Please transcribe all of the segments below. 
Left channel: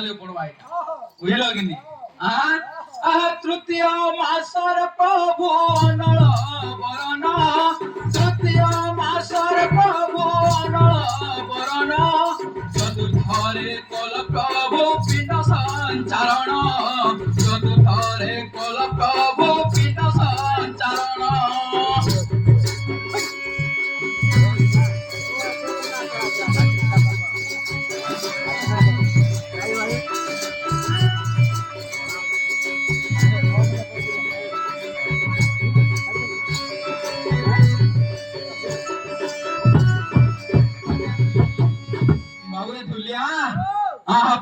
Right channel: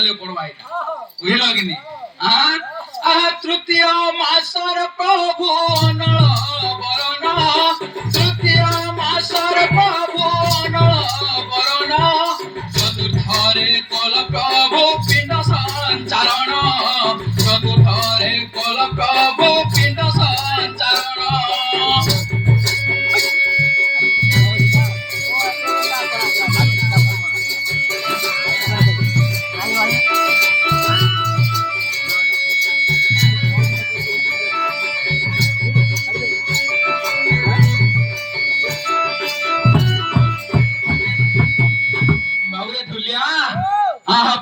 କାଲି ପଡବା ଏଇଟା ବୁଝିଲ କି ନି ତୃତୀୟ ମାସର ପ୍ରଭୁ ଅନଳ ବରଣ ତୃତୀୟ ମାସର ପ୍ରଭୁ ଅନଳ ବରଣ ଚତୁର୍ଥରେ କଲ ପ୍ରଭୁ ପିଣ୍ଡ ସଞ୍ଚାରଣ ଚତୁର୍ଥରେ କଲ ପ୍ରଭୁ ପିଣ୍ଡ ସଞ୍ଚାରଣ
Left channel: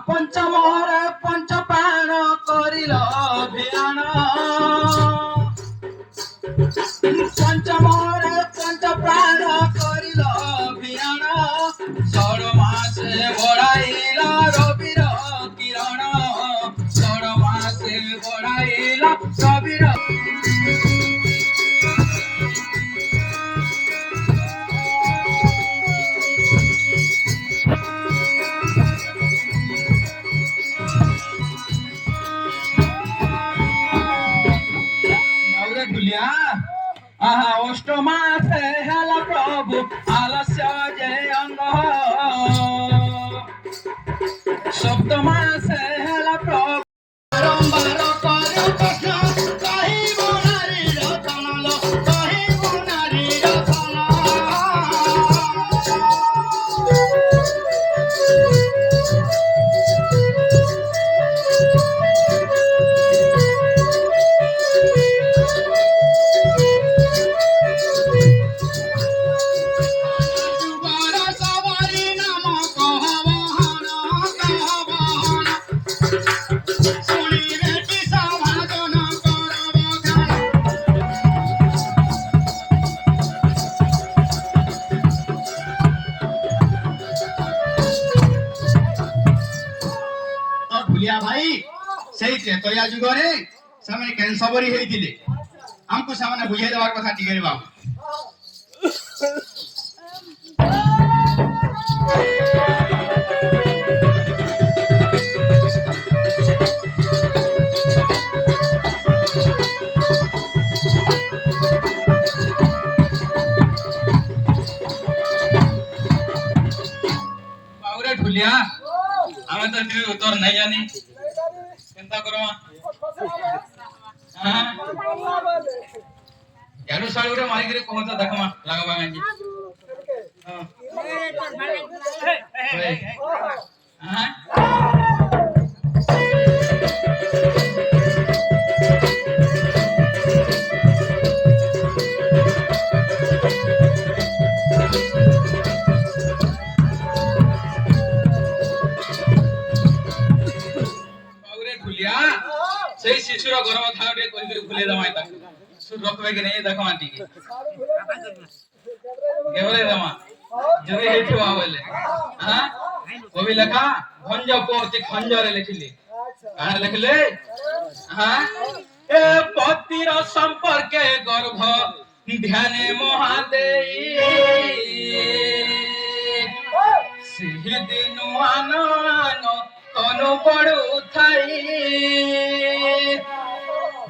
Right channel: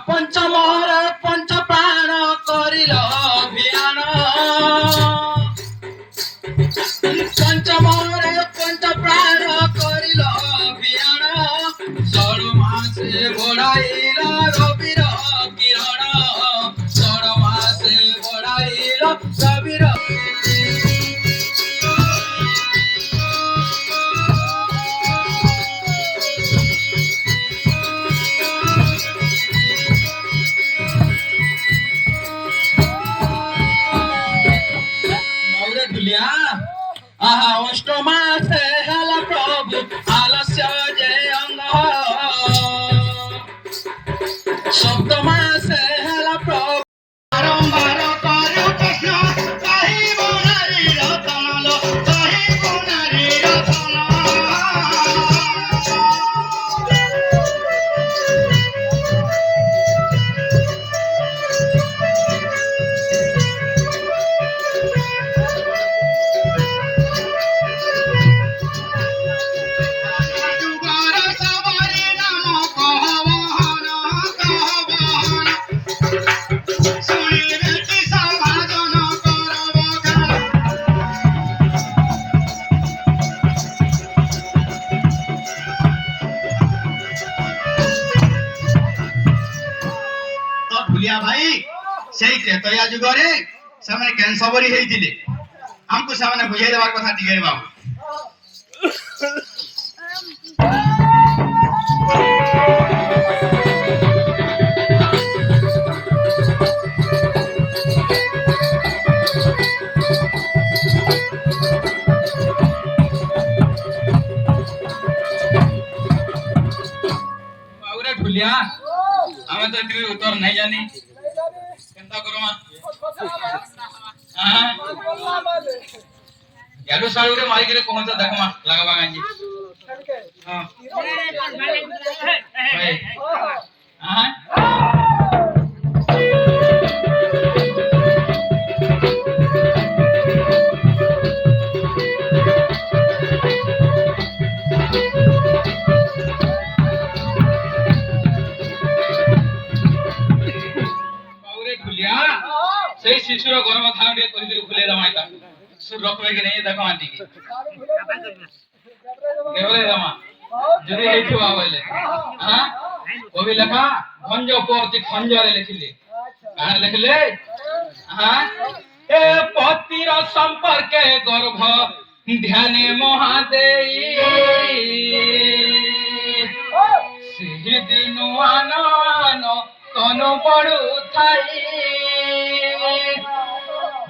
পঞ্চমরে পঞ্চ প্রাণ করিল অভিযান পঞ্চমরে পঞ্চ প্রাণ করিল অভিযান ষড় মাসে বড়াইল রবির কিরণ ষড় মাসে বড়াইল রবির অষ্টমাসে হেলা প্রভু আলস্য যে অঙ্গ সপ্তমাসে হেলা প্রভু বারম্বার করে প্রশ্ন কহিব নারীর তনল কহিব নারীর भाई से त्रेतया जुगरे से कैंसबरी होते हमको से बुझे देवार कथा टिके बाबू बाबूरे ढुलिया हमें तो फिर उत्तर नहीं जानी चिंता करो याडू सालू रे मारी के कोन तो देखो मा लगावा गांजी हां हां शिशुर गरम खाना टे कहि खुले दमा इता सुर रखबे कि नहीं देखो आंटी के केवले दमा जरी हेठो आवले हां कवि लेखा खंज पोति खंजरे लिखले काना लिखले हां ए पतिर संपर्क गर्भ ध्याने महादेई सिहि दिनु आनो तनु पड़ू थाई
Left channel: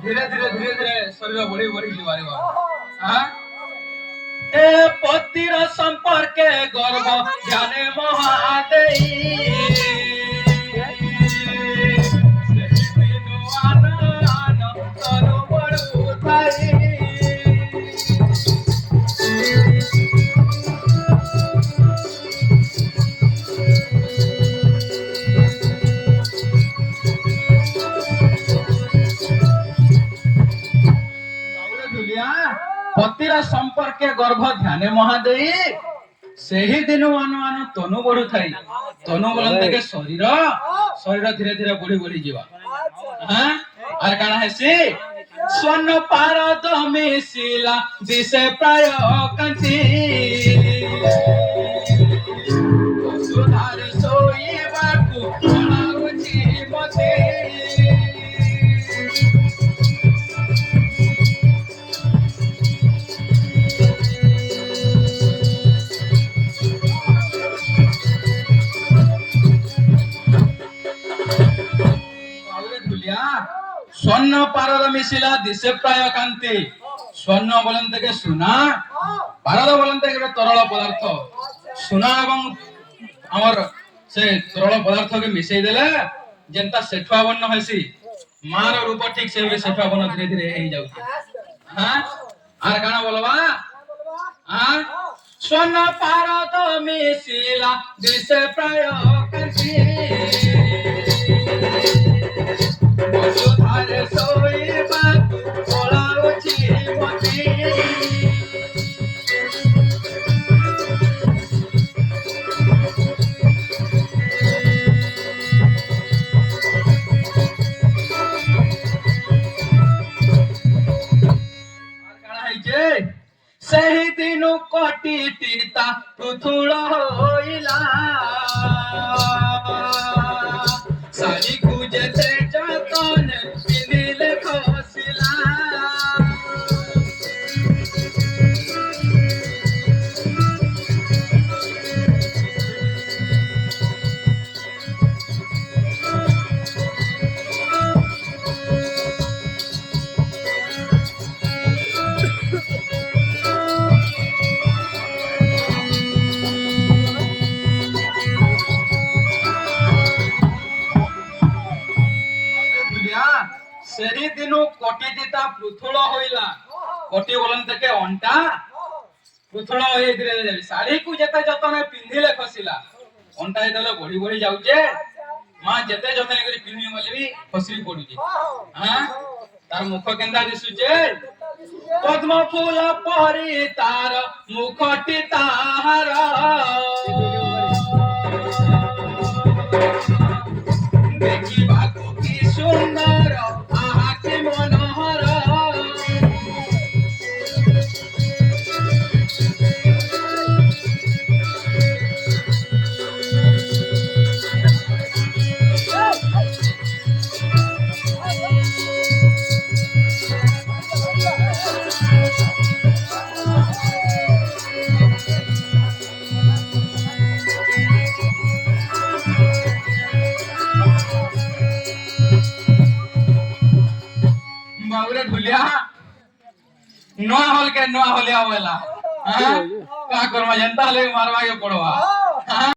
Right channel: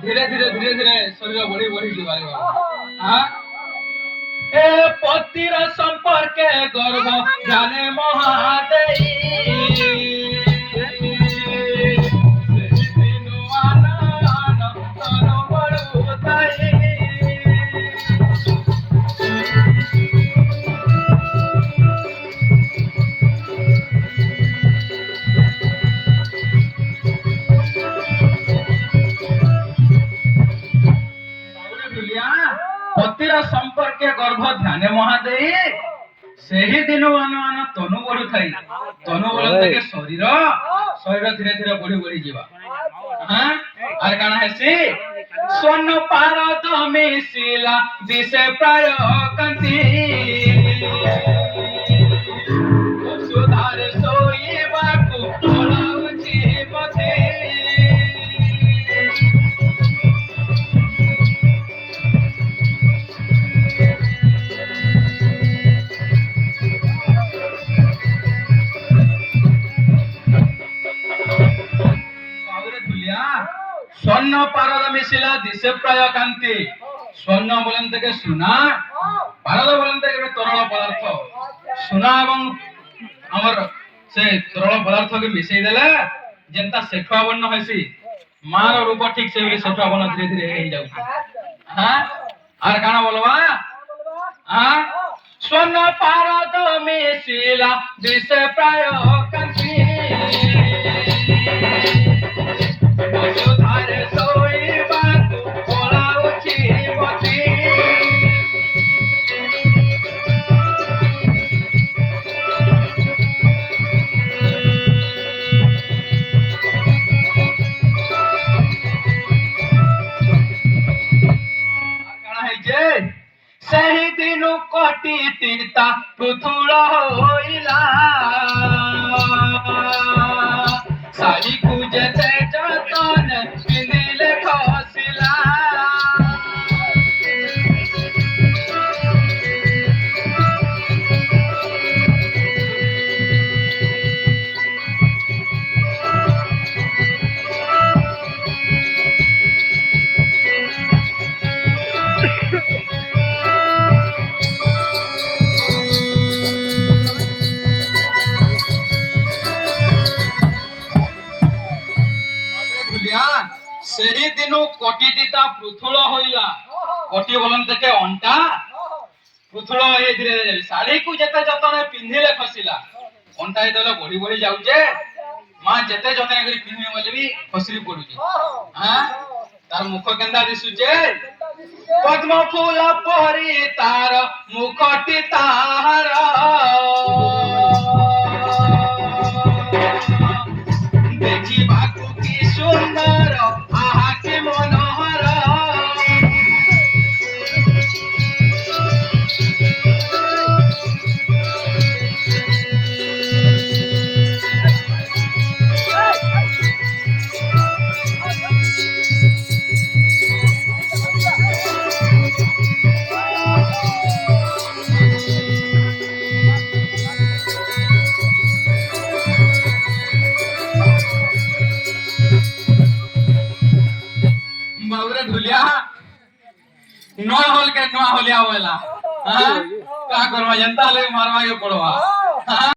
धीरे धीरे शरीर बढ़ी बढ़ी जीवारे हां ए पतिर संपर्क गर्भ जाने महादेई तनु पड़ू थाई पतिर संपर्क गर्भ ध्यान महादेई सही दिन अनुमान तनु बढ़ू थाई तनु बोलन देखे शरीर शरीर धीरे धीरे बढ़ी बढ़ी जीवा हां आर काना हेसी स्वर्ण पारद मिसिला दिसे प्राय कांति सुधारे सोई बाकु बोलाउची मते মিশিলা দিশে প্রায় কান্তি স্বর্ণ বলেন থেকে সোনা ভারত বলেন থেকে ଗୋଟେ ତରଳ ପଦାର୍ଥ সোনা এবং আমার সে তরল পদার্থকে মিশাই দেলে যেনতা সেঠুয়া বর্ণ হইছি মার রূপ ঠিক সে সেঠুয়া বর্ণ ধীরে ধীরে হয়ে যাଉଛି হ্যাঁ আর কানা বলবা হ্যাঁ স্বর্ণ পারদ মিশিলা দিশে প্রায় কান্তি বসুধারে শোইবা ওলাউছি মতি ସେହି ଦିନୁ କଟିଟିତା ପୃଥୁଳ ହୋଇଲା ଶାଢ଼ୀକୁ ଯେତେ ଯତନ ପିନ୍ଧିଲେ ଖସିଲା ସେହି ଦିନୁ କଟିଟିତା ପୃଥୁଳ ହୋଇଲା କଟି ବଲନ থেকে ଅଣ୍ଟା ପୃଥୁଳ ହେଇ ଧୀରେ ଧୀରେ ଶାଢ଼ୀକୁ ଯେତେ ଯତନ ପିନ୍ଧିଲେ ଖସିଲା ଅଣ୍ଟା ଯେତେବେଳେ ବଢି ବଢି ଯାଉଛେ ମା ଯେତେ ଯତନ କରି ପିନ୍ଧିବି ବୋଲି ବି ଖସରି ପଡୁଛି ହଁ ତାର ମୁଖ କେନ୍ତା ଦିଶୁଛେ ପଦ୍ମ ଫୁଲ ପରି ତାର ମୁଖଟି ତାହାର ଦେଖିବାକୁ କି ସୁନ୍ଦର ଆଖି ମନୋହର बाबूरे ढुलिया नोआ होल के नोआ होलिया वाला हां का करवा जनता ले मारवा के पड़वा हां